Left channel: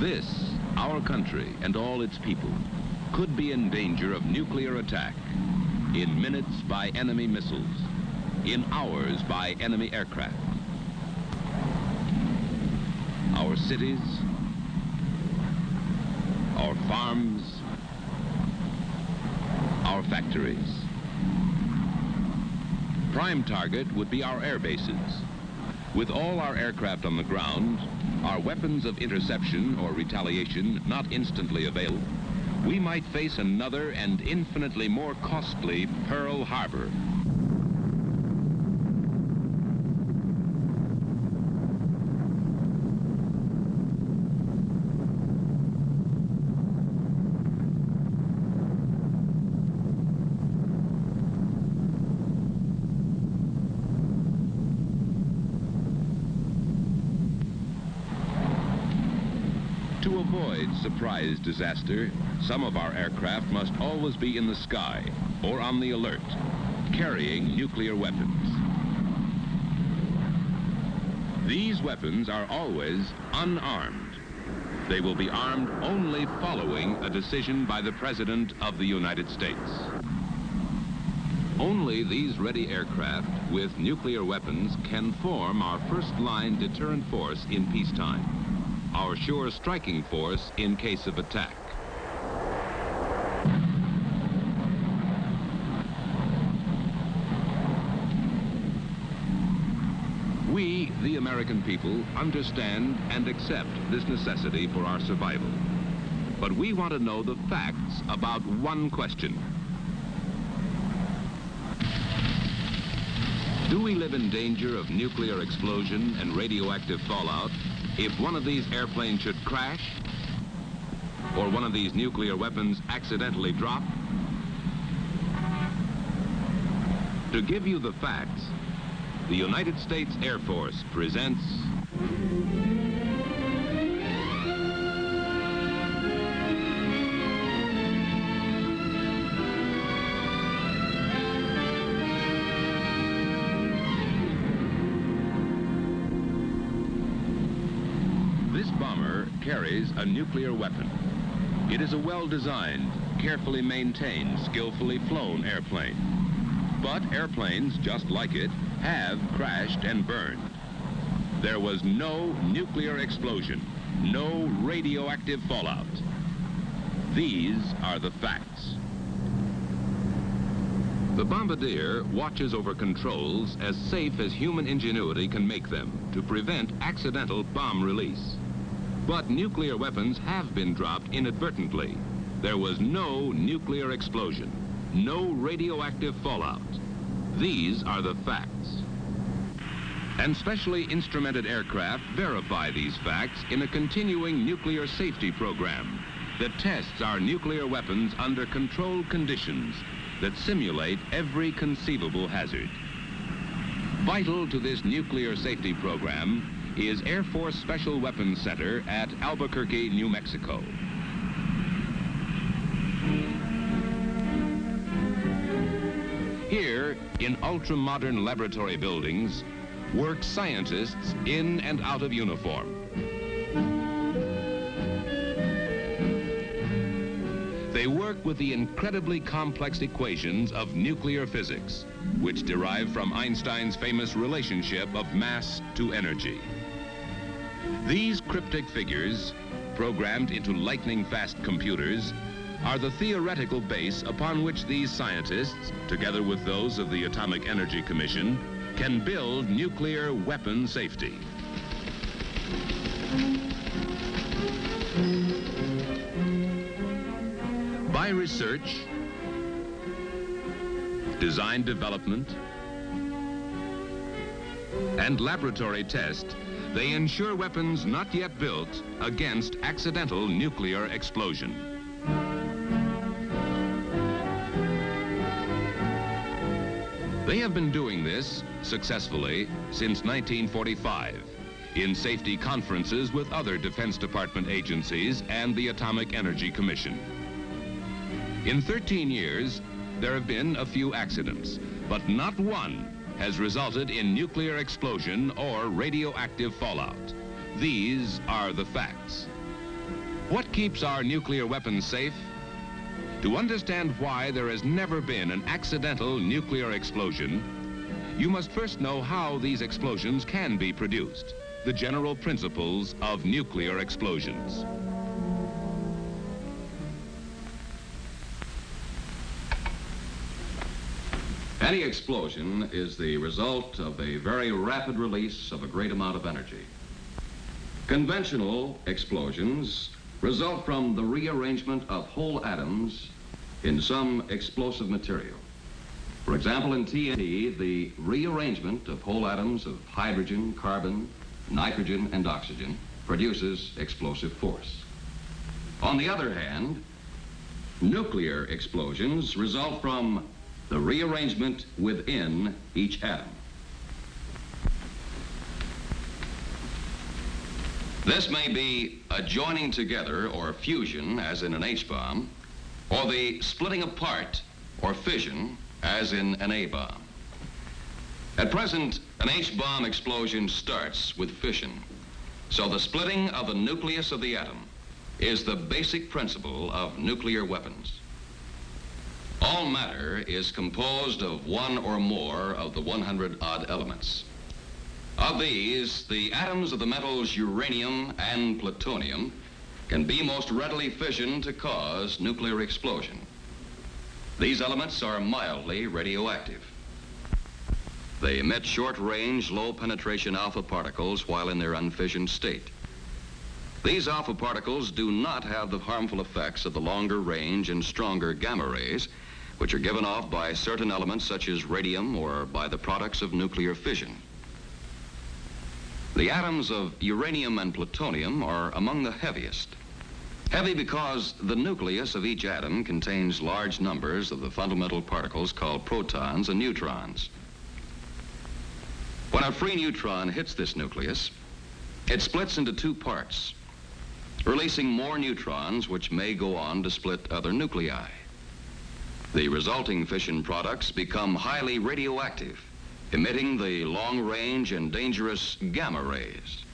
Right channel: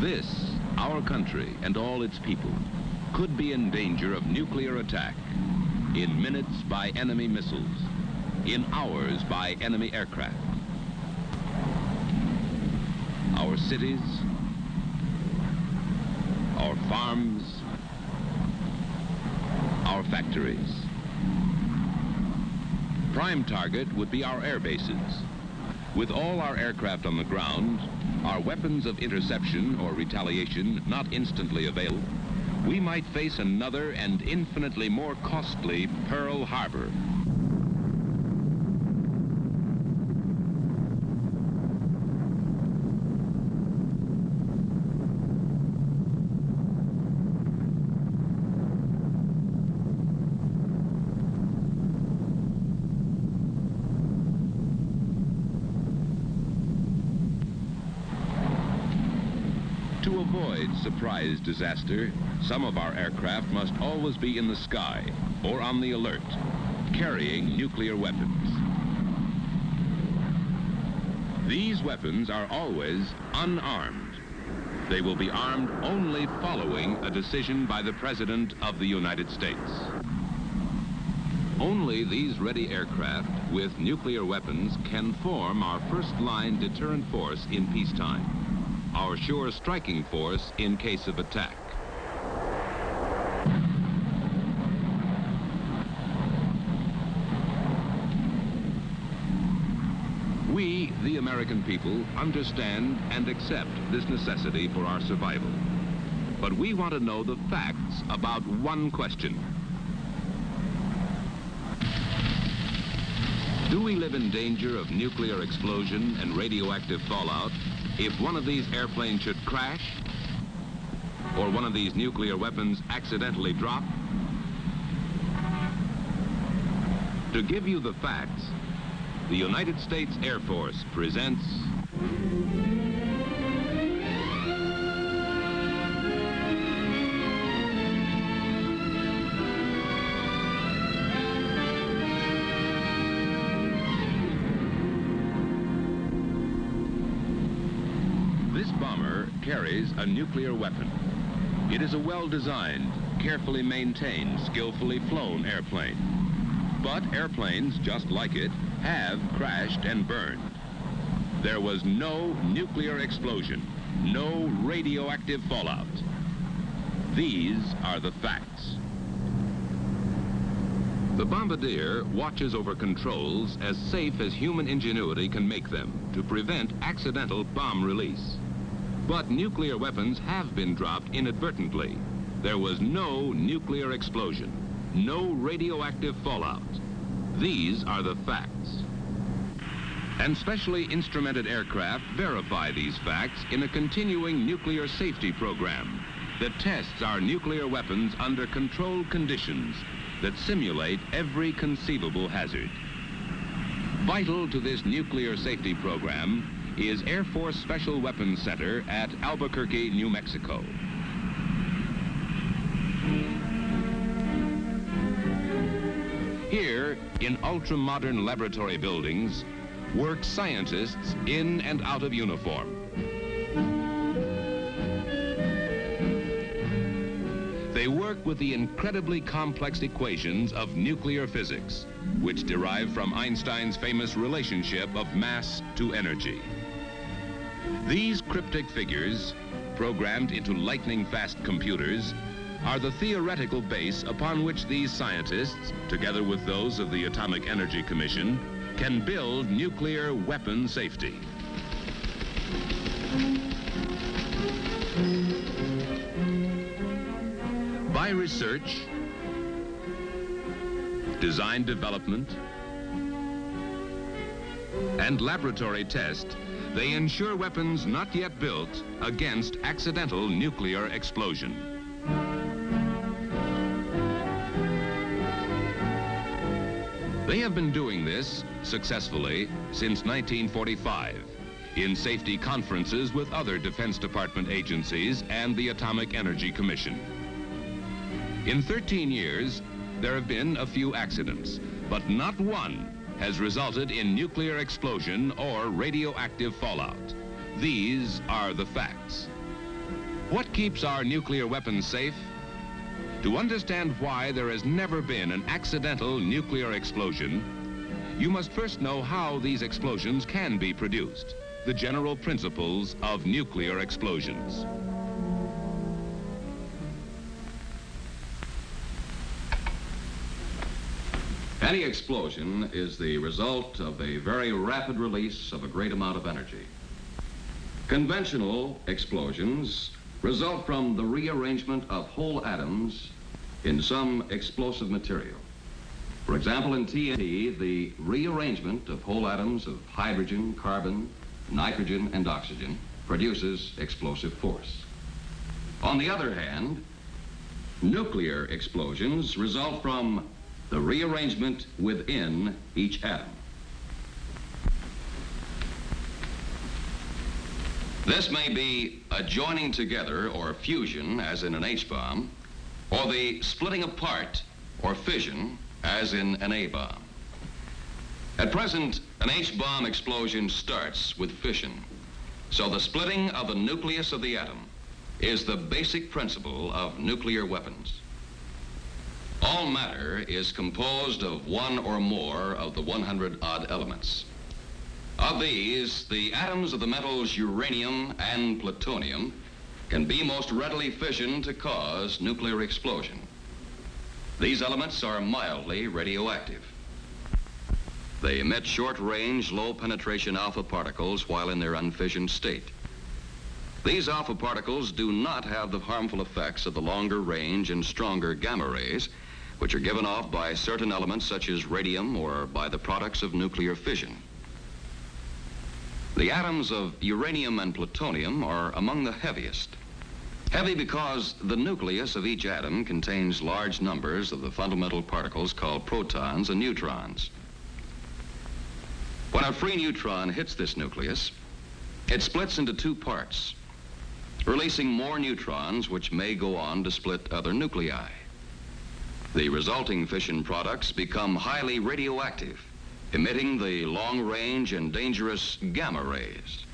This, our country and all its people, could be in danger of nuclear attack in minutes by enemy missiles, in hours by enemy aircraft. Our cities, our farms, our factories. Prime target would be our air bases. With all our aircraft on the ground, our weapons of interception or retaliation not instantly available, we might face another and infinitely more costly Pearl Harbor. Surprise disaster, some of our aircraft must always be in the sky or on the alert, carrying nuclear weapons. These weapons are always unarmed. They will be armed only following a decision by the President of the United States. Only these ready aircraft with nuclear weapons can form our first-line deterrent force in peacetime, our sure striking force in case of attack. We, the American people, understand and accept this necessity for our survival. But we want to know the facts about one question. Do we live in danger of nuclear explosion and radioactive fallout if one of these airplanes should crash or one of these nuclear weapons accidentally drop? To give you the facts, the United States Air Force presents carries a nuclear weapon. It is a well-designed, carefully maintained, skillfully flown airplane. But airplanes, just like it, have crashed and burned. There was no nuclear explosion, no radioactive fallout. These are the facts. The bombardier watches over controls as safe as human ingenuity can make them to prevent accidental bomb release. But nuclear weapons have been dropped inadvertently. There was no nuclear explosion, no radioactive fallout. These are the facts. And specially instrumented aircraft verify these facts in a continuing nuclear safety program that tests our nuclear weapons under controlled conditions that simulate every conceivable hazard. Vital to this nuclear safety program is Air Force Special Weapons Center at Albuquerque, New Mexico. Here, in ultra-modern laboratory buildings, work scientists in and out of uniform. They work with the incredibly complex equations of nuclear physics, which derive from Einstein's famous relationship of mass to energy. These cryptic figures, programmed into lightning-fast computers, are the theoretical base upon which these scientists, together with those of the Atomic Energy Commission, can build nuclear weapon safety. By research, design development, and laboratory test, they ensure weapons not yet built against accidental nuclear explosion. They have been doing this successfully since 1945 in safety conferences with other Defense Department agencies and the Atomic Energy Commission. In 13 years, there have been a few accidents, but not one has resulted in nuclear explosion or radioactive fallout. These are the facts. What keeps our nuclear weapons safe? To understand why there has never been an accidental nuclear explosion, you must first know how these explosions can be produced, the general principles of nuclear explosions. Any explosion is the result of a very rapid release of a great amount of energy. Conventional explosions result from the rearrangement of whole atoms in some explosive material. For example, in TNT, the rearrangement of whole atoms of hydrogen, carbon, nitrogen, and oxygen produces explosive force. On the other hand, nuclear explosions result from the rearrangement within each atom. This may be a joining together or fusion, as in an H-bomb, or the splitting apart or fission, as in an A-bomb. At present, an H-bomb explosion starts with fission, so the splitting of the nucleus of the atom is the basic principle of nuclear weapons. All matter is composed of one or more of the 100-odd elements. Of these, the atoms of the metals uranium and plutonium can be most readily fissioned to cause nuclear explosion. These elements are mildly radioactive. They emit short-range, low-penetration alpha particles while in their unfissioned state. These alpha particles do not have the harmful effects of the longer range and stronger gamma rays, which are given off by certain elements such as radium or by the products of nuclear fission. The atoms of uranium and plutonium are among the heaviest. Heavy because the nucleus of each atom contains large numbers of the fundamental particles called protons and neutrons. When a free neutron hits this nucleus, it splits into two parts, releasing more neutrons which may go on to split other nuclei. The resulting fission products become highly radioactive, emitting the long-range and dangerous gamma rays.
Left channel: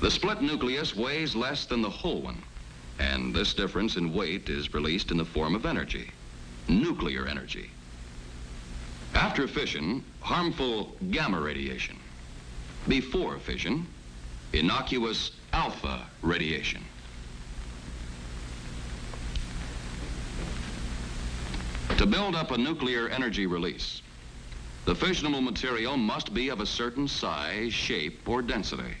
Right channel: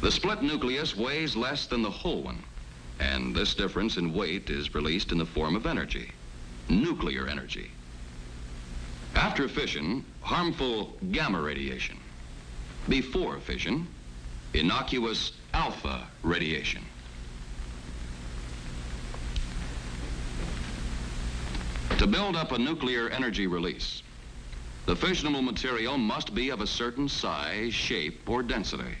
The split nucleus weighs less than the whole one, and this difference in weight is released in the form of energy, nuclear energy. After fission, harmful gamma radiation. Before fission, innocuous alpha radiation. To build up a nuclear energy release, the fissionable material must be of a certain size, shape, or density.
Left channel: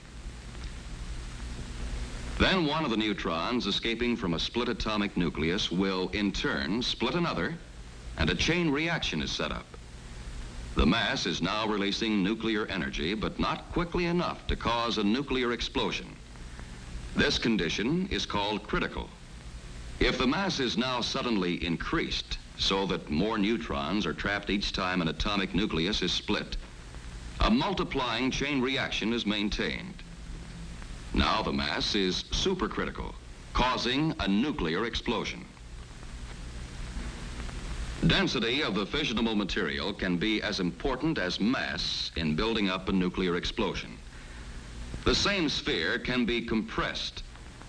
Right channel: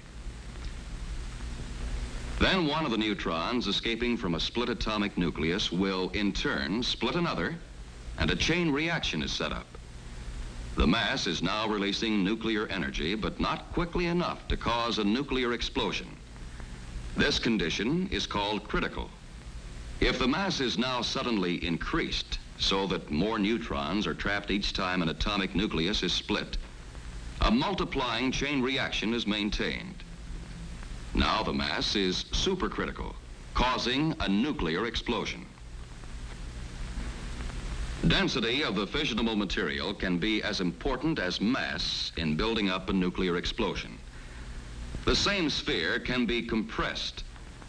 Then one of the neutrons escaping from a split atomic nucleus will, in turn, split another, and a chain reaction is set up. The mass is now releasing nuclear energy, but not quickly enough to cause a nuclear explosion. This condition is called critical. If the mass is now suddenly increased, so that more neutrons are trapped each time an atomic nucleus is split, a multiplying chain reaction is maintained. Now the mass is supercritical, causing a nuclear explosion. Density of the fissionable material can be as important as mass in building up a nuclear explosion. The same sphere can be compressed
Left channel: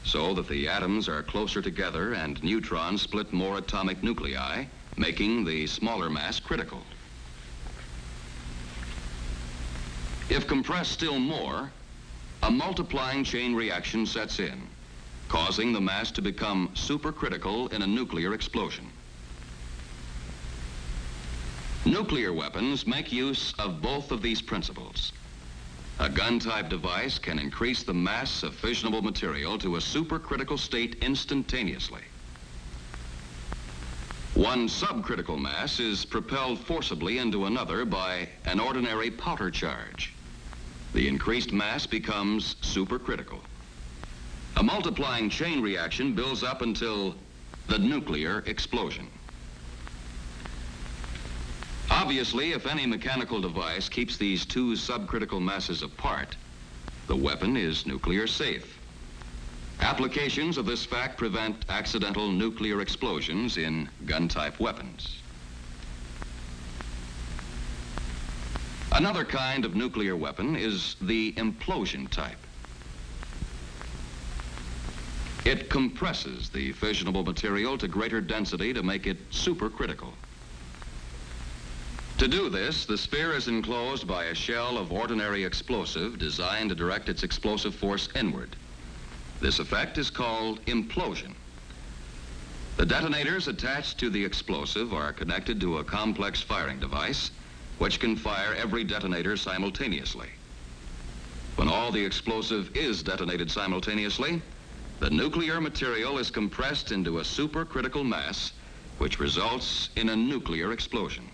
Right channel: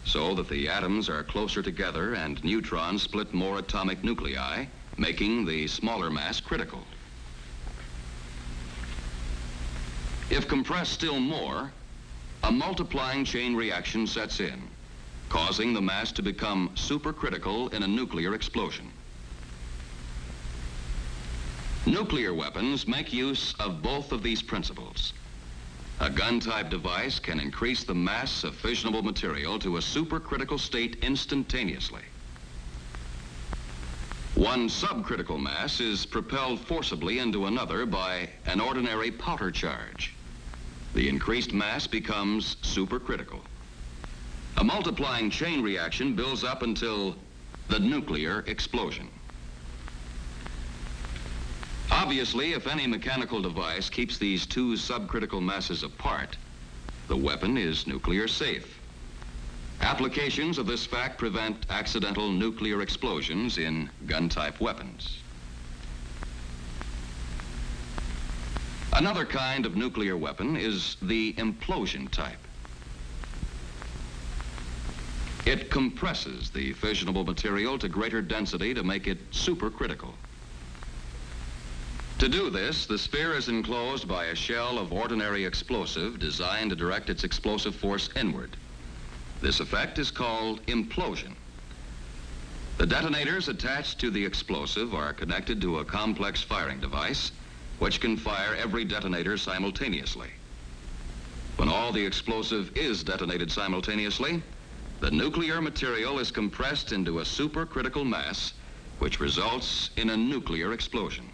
so that the atoms are closer together and neutrons split more atomic nuclei, making the smaller mass critical. If compressed still more, a multiplying chain reaction sets in, causing the mass to become supercritical in a nuclear explosion. Nuclear weapons make use of both of these principles. A gun-type device can increase the mass of fissionable material to a supercritical state instantaneously. One subcritical mass is propelled forcibly into another by an ordinary powder charge. The increased mass becomes supercritical. A multiplying chain reaction builds up until the nuclear explosion. Obviously, if any mechanical device keeps these two subcritical masses apart, the weapon is nuclear safe. Applications of this fact prevent accidental nuclear explosions in gun-type weapons. Another kind of nuclear weapon is the implosion type. It compresses the fissionable material to greater density to make it supercritical. To do this, the sphere is enclosed by a shell of ordinary explosive designed to direct its explosive force inward. This effect is called implosion. The detonators attached to the explosive are connected to a complex firing device which can fire every detonator simultaneously. When all the explosive is detonated simultaneously, the nuclear material is compressed into a supercritical mass, which results in a nuclear explosion.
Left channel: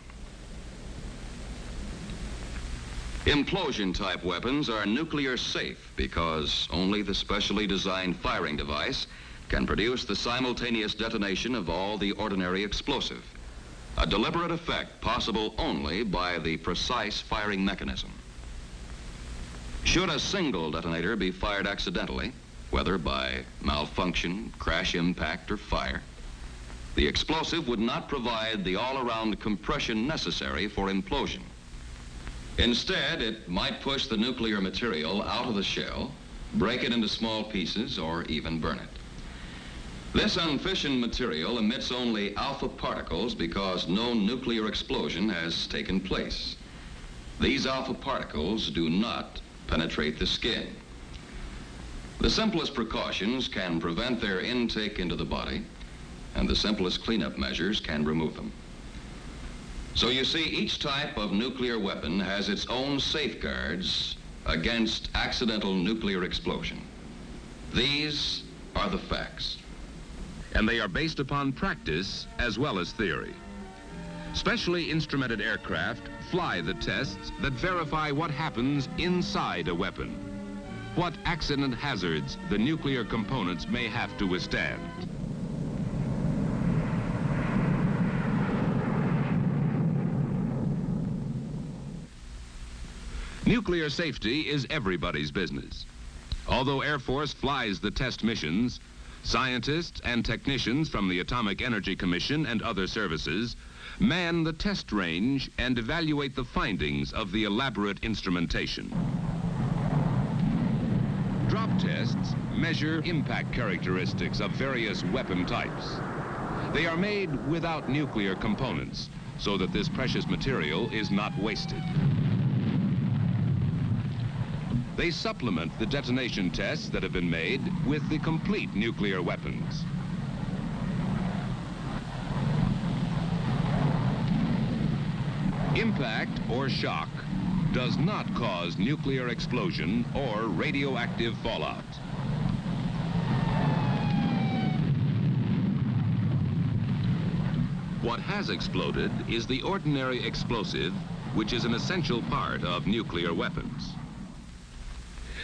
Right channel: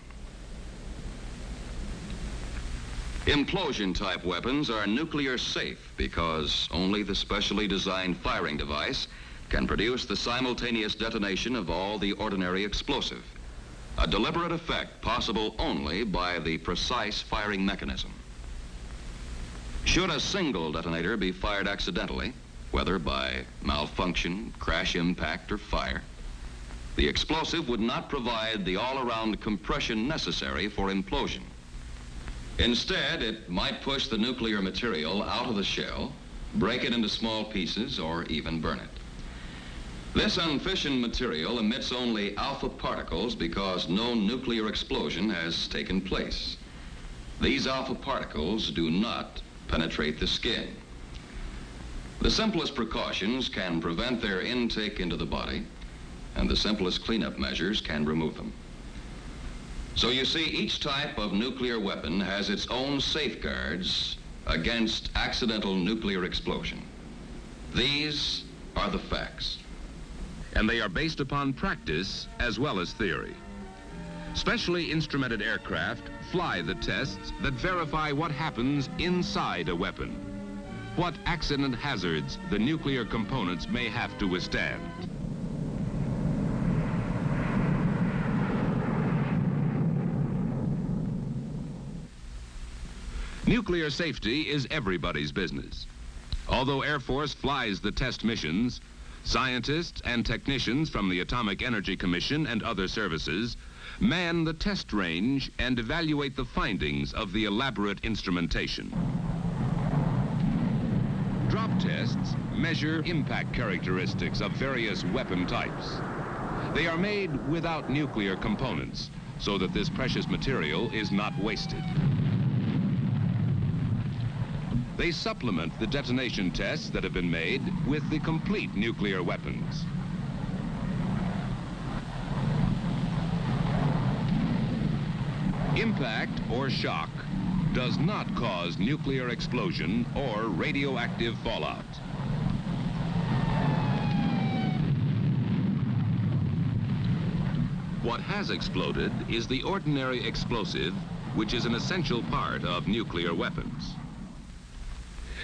Implosion-type weapons are nuclear safe because only the specially designed firing device can produce the simultaneous detonation of all the ordinary explosive, a deliberate effect possible only by the precise firing mechanism. Should a single detonator be fired accidentally, whether by malfunction, crash impact, or fire, the explosive would not provide the all-around compression necessary for implosion. Instead, it might push the nuclear material out of the shell, break it into small pieces, or even burn it. This unfissioned material emits only alpha particles because no nuclear explosion has taken place. These alpha particles do not penetrate the skin. The simplest precautions can prevent their intake into the body, and the simplest cleanup measures can remove them. So you see, each type of nuclear weapon has its own safeguards against accidental nuclear explosion. These are the facts. And they are based upon practice as well as theory. Specially instrumented aircraft fly the tests that verify what happens inside a weapon, what accident hazards the nuclear components may have to withstand. Nuclear safety is everybody's business. Although Air Force flies the test missions, scientists and technicians from the Atomic Energy Commission and other services man the test range and evaluate the findings of the elaborate instrumentation. Drop tests measure impact characteristics of various weapon types. They are made without nuclear components so that this precious material is not wasted. They supplement the detonation tests that have been made with the complete nuclear weapons. Impact or shock does not cause nuclear explosion or radioactive fallout. What has exploded is the ordinary explosive, which is an essential part of nuclear weapons.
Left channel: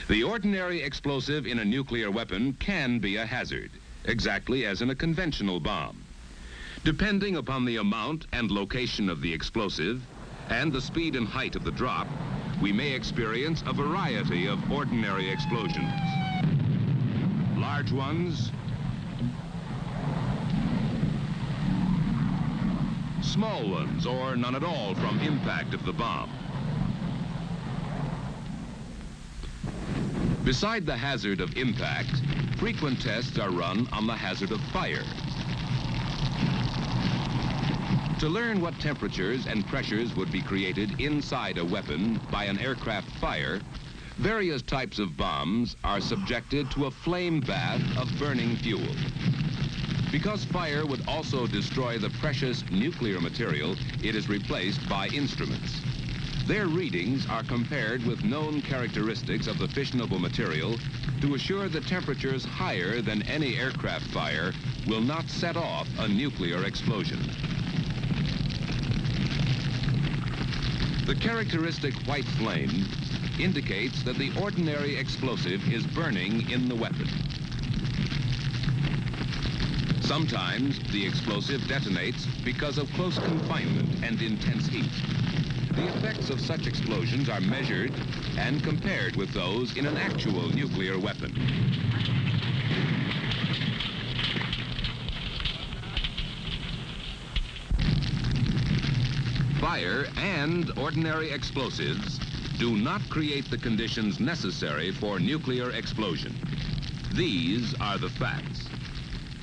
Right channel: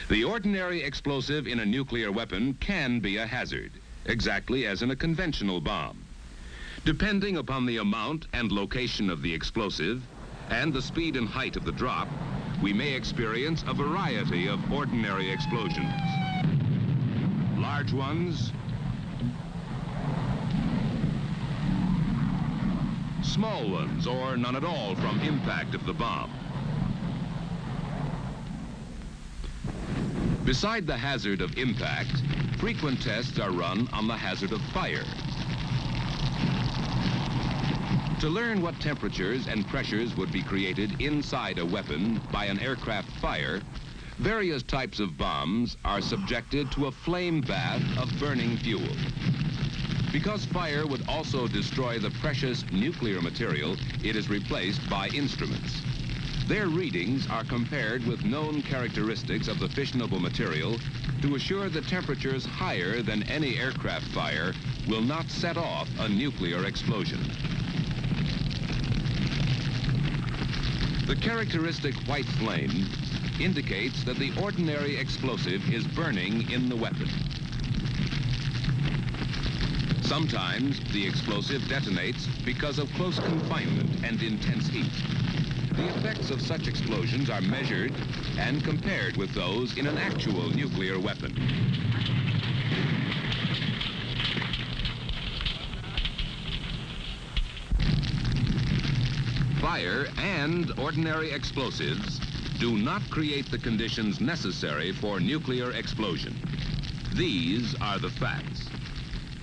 The ordinary explosive in a nuclear weapon can be a hazard, exactly as in a conventional bomb. Depending upon the amount and location of the explosive and the speed and height of the drop, we may experience a variety of ordinary explosions. Large ones, small ones, or none at all from impact of the bomb. Beside the hazard of impact, frequent tests are run on the hazard of fire. To learn what temperatures and pressures would be created inside a weapon by an aircraft fire, various types of bombs are subjected to a flame bath of burning fuel. Because fire would also destroy the precious nuclear material, it is replaced by instruments. Their readings are compared with known characteristics of the fissionable material to assure that temperatures higher than any aircraft fire will not set off a nuclear explosion. The characteristic white flame indicates that the ordinary explosive is burning in the weapon. Sometimes the explosive detonates because of close confinement and intense heat. The effects of such explosions are measured and compared with those in an actual nuclear weapon. Fire and ordinary explosives do not create the conditions necessary for nuclear explosion. These are the facts.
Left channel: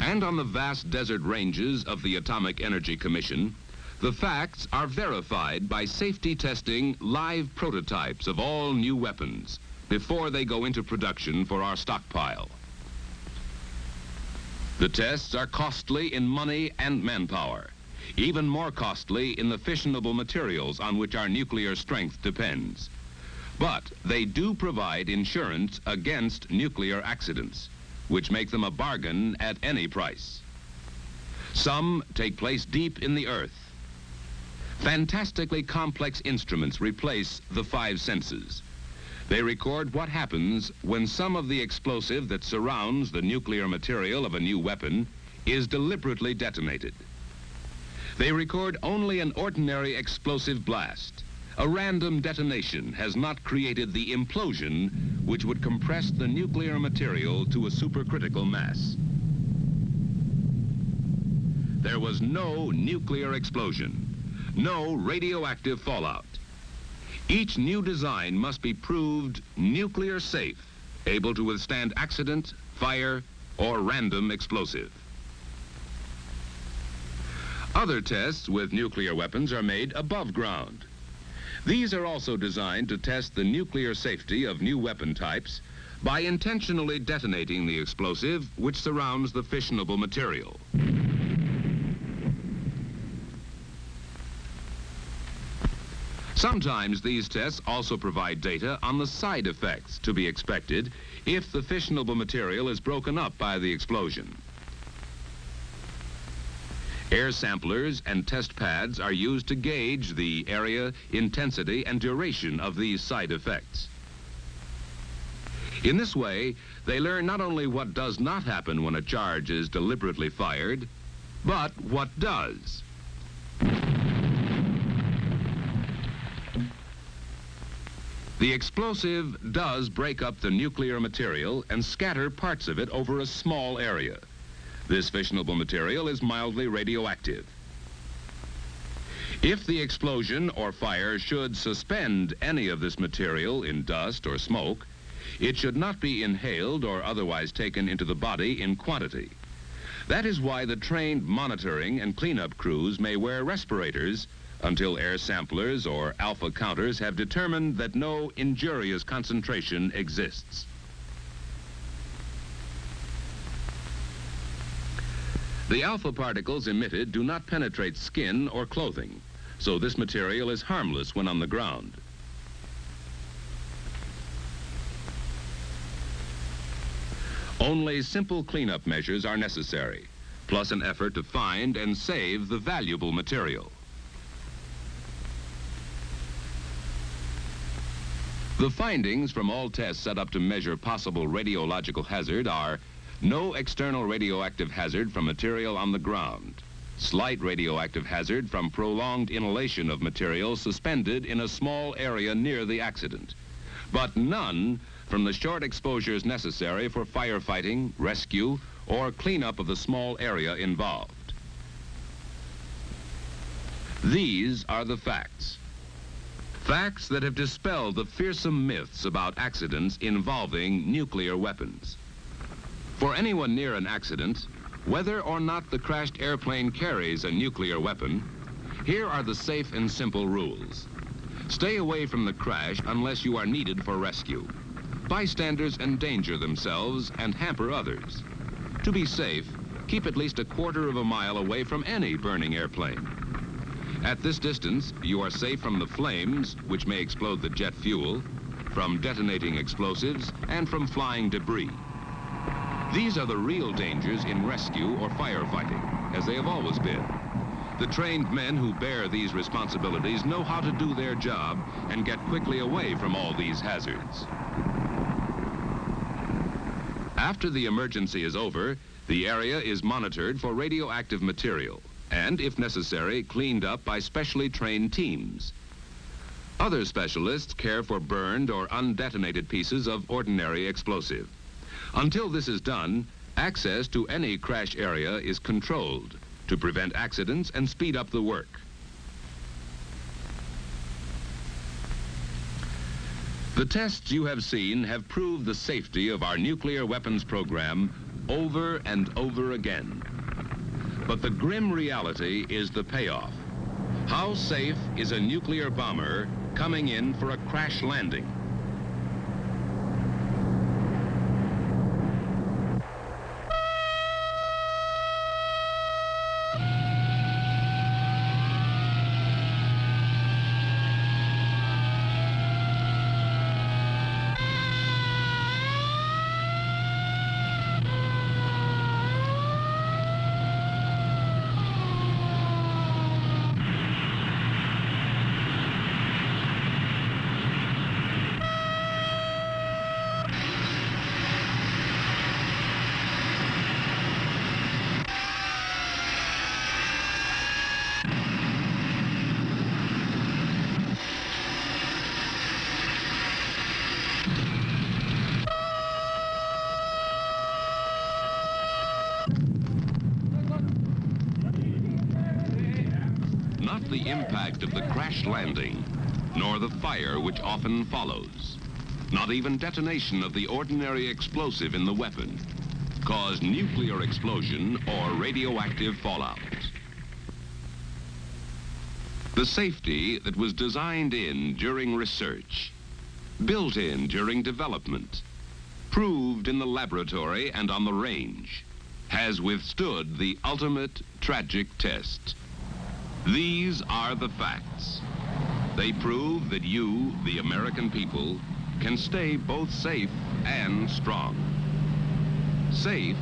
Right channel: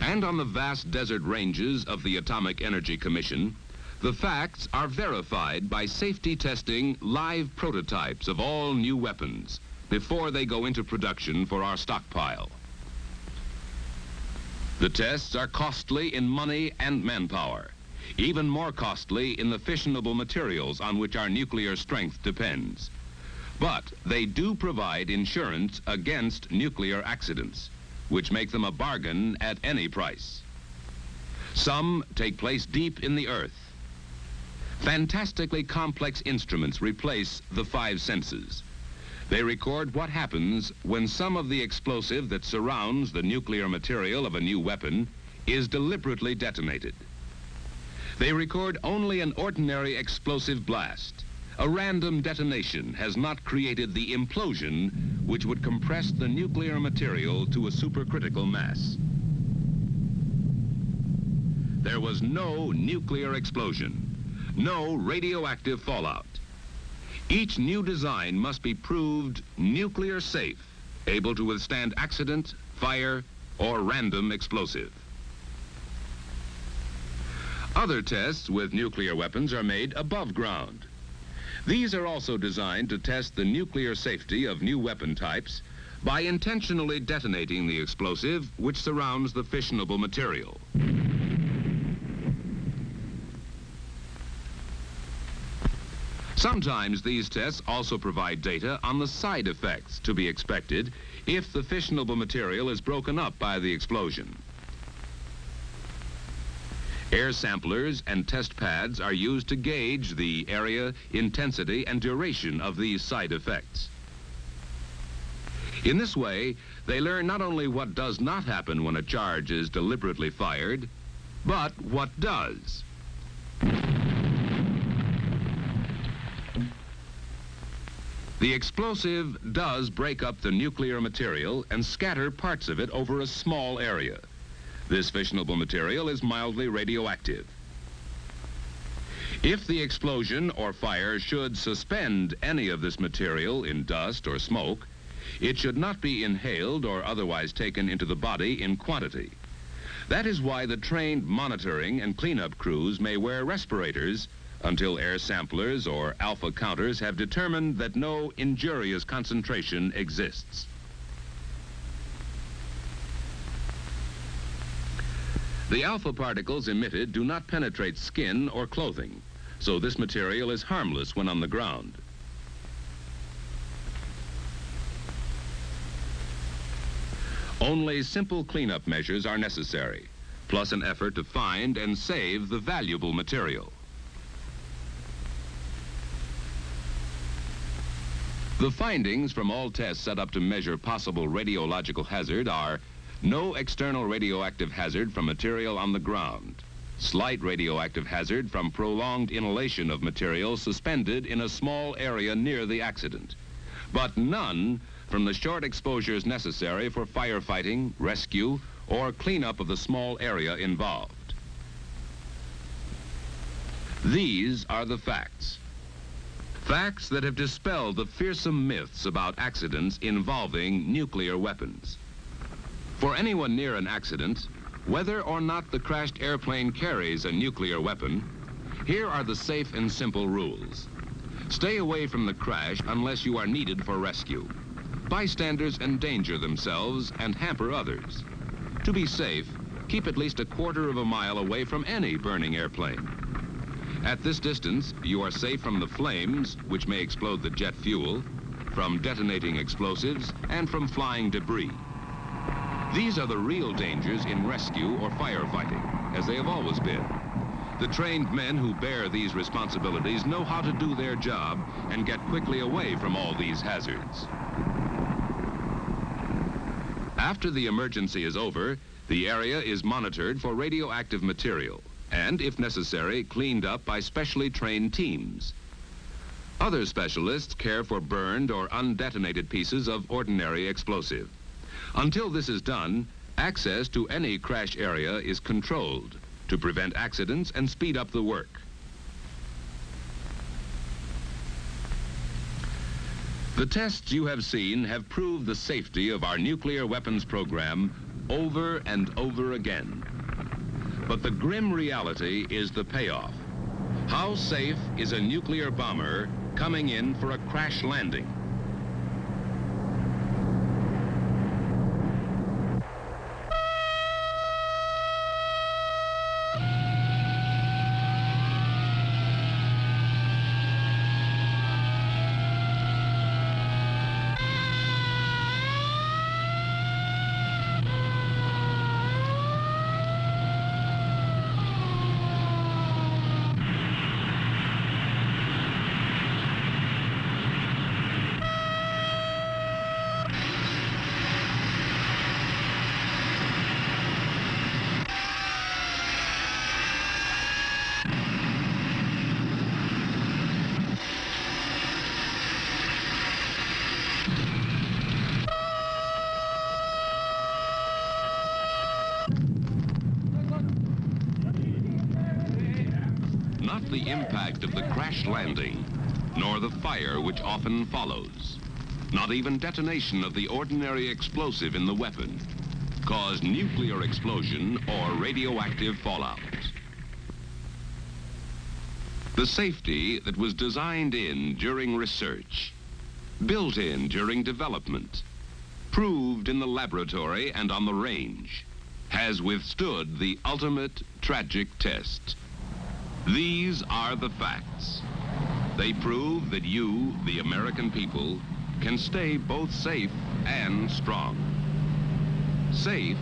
And on the vast desert ranges of the Atomic Energy Commission, the facts are verified by safety testing live prototypes of all new weapons before they go into production for our stockpile. The tests are costly in money and manpower, even more costly in the fissionable materials on which our nuclear strength depends. But they do provide insurance against nuclear accidents, which make them a bargain at any price. Some take place deep in the earth. Fantastically complex instruments replace the five senses. They record what happens when some of the explosive that surrounds the nuclear material of a new weapon is deliberately detonated. They record only an ordinary explosive blast. A random detonation has not created the implosion which would compress the nuclear material to a supercritical mass. There was no nuclear explosion, no radioactive fallout. Each new design must be proved nuclear safe, able to withstand accident, fire, or random explosive. Other tests with nuclear weapons are made above ground. These are also designed to test the nuclear safety of new weapon types by intentionally detonating the explosive which surrounds the fissionable material. Sometimes these tests also provide data on the side effects to be expected if the fissionable material is broken up by the explosion. Air samplers and test pads are used to gauge the area, intensity, and duration of these side effects. In this way, they learn not only what does not happen when a charge is deliberately fired, but what does. The explosive does break up the nuclear material and scatter parts of it over a small area. This fissionable material is mildly radioactive. If the explosion or fire should suspend any of this material in dust or smoke, it should not be inhaled or otherwise taken into the body in quantity. That is why the trained monitoring and cleanup crews may wear respirators until air samplers or alpha counters have determined that no injurious concentration exists. The alpha particles emitted do not penetrate skin or clothing, so this material is harmless when on the ground. Only simple cleanup measures are necessary, plus an effort to find and save the valuable material. The findings from all tests set up to measure possible radiological hazard are no external radioactive hazard from material on the ground, slight radioactive hazard from prolonged inhalation of material suspended in a small area near the accident, but none from the short exposures necessary for firefighting, rescue, or cleanup of the small area involved. These are the facts. Facts that have dispelled the fearsome myths about accidents involving nuclear weapons. For anyone near an accident, whether or not the crashed airplane carries a nuclear weapon, here are the safe and simple rules. Stay away from the crash unless you are needed for rescue. Bystanders endanger themselves and hamper others. To be safe, keep at least a quarter of a mile away from any burning airplane. At this distance, you are safe from the flames, which may explode the jet fuel, from detonating explosives, and from flying debris. These are the real dangers in rescue or firefighting, as they have always been. The trained men who bear these responsibilities know how to do their job and get quickly away from all these hazards. After the emergency is over, the area is monitored for radioactive material and, if necessary, cleaned up by specially trained teams. Other specialists care for burned or undetonated pieces of ordinary explosive. Until this is done, access to any crash area is controlled to prevent accidents and speed up the work. The tests you have seen have proved the safety of our nuclear weapons program over and over again. But the grim reality is the payoff. How safe is a nuclear bomber coming in for a crash landing? Not the impact of the crash landing, nor the fire which often follows, not even detonation of the ordinary explosive in the weapon, cause nuclear explosion or radioactive fallout. The safety that was designed in during research, built in during development, proved in the laboratory and on the range, has withstood the ultimate tragic test. These are the facts. They prove that you, the American people, can stay both safe and strong. Safe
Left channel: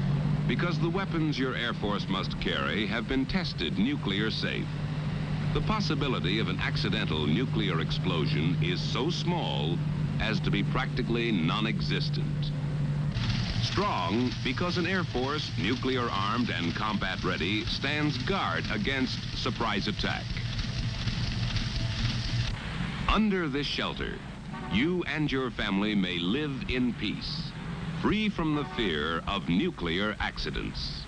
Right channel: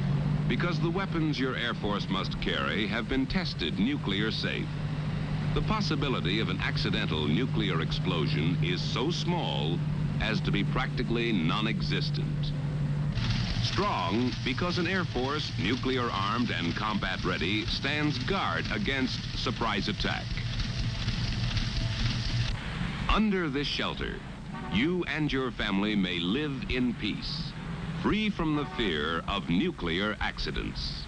because the weapons your Air Force must carry have been tested nuclear safe. The possibility of an accidental nuclear explosion is so small as to be practically non-existent. Strong because an Air Force, nuclear-armed and combat-ready, stands guard against surprise attack. Under this shelter, you and your family may live in peace, free from the fear of nuclear accidents.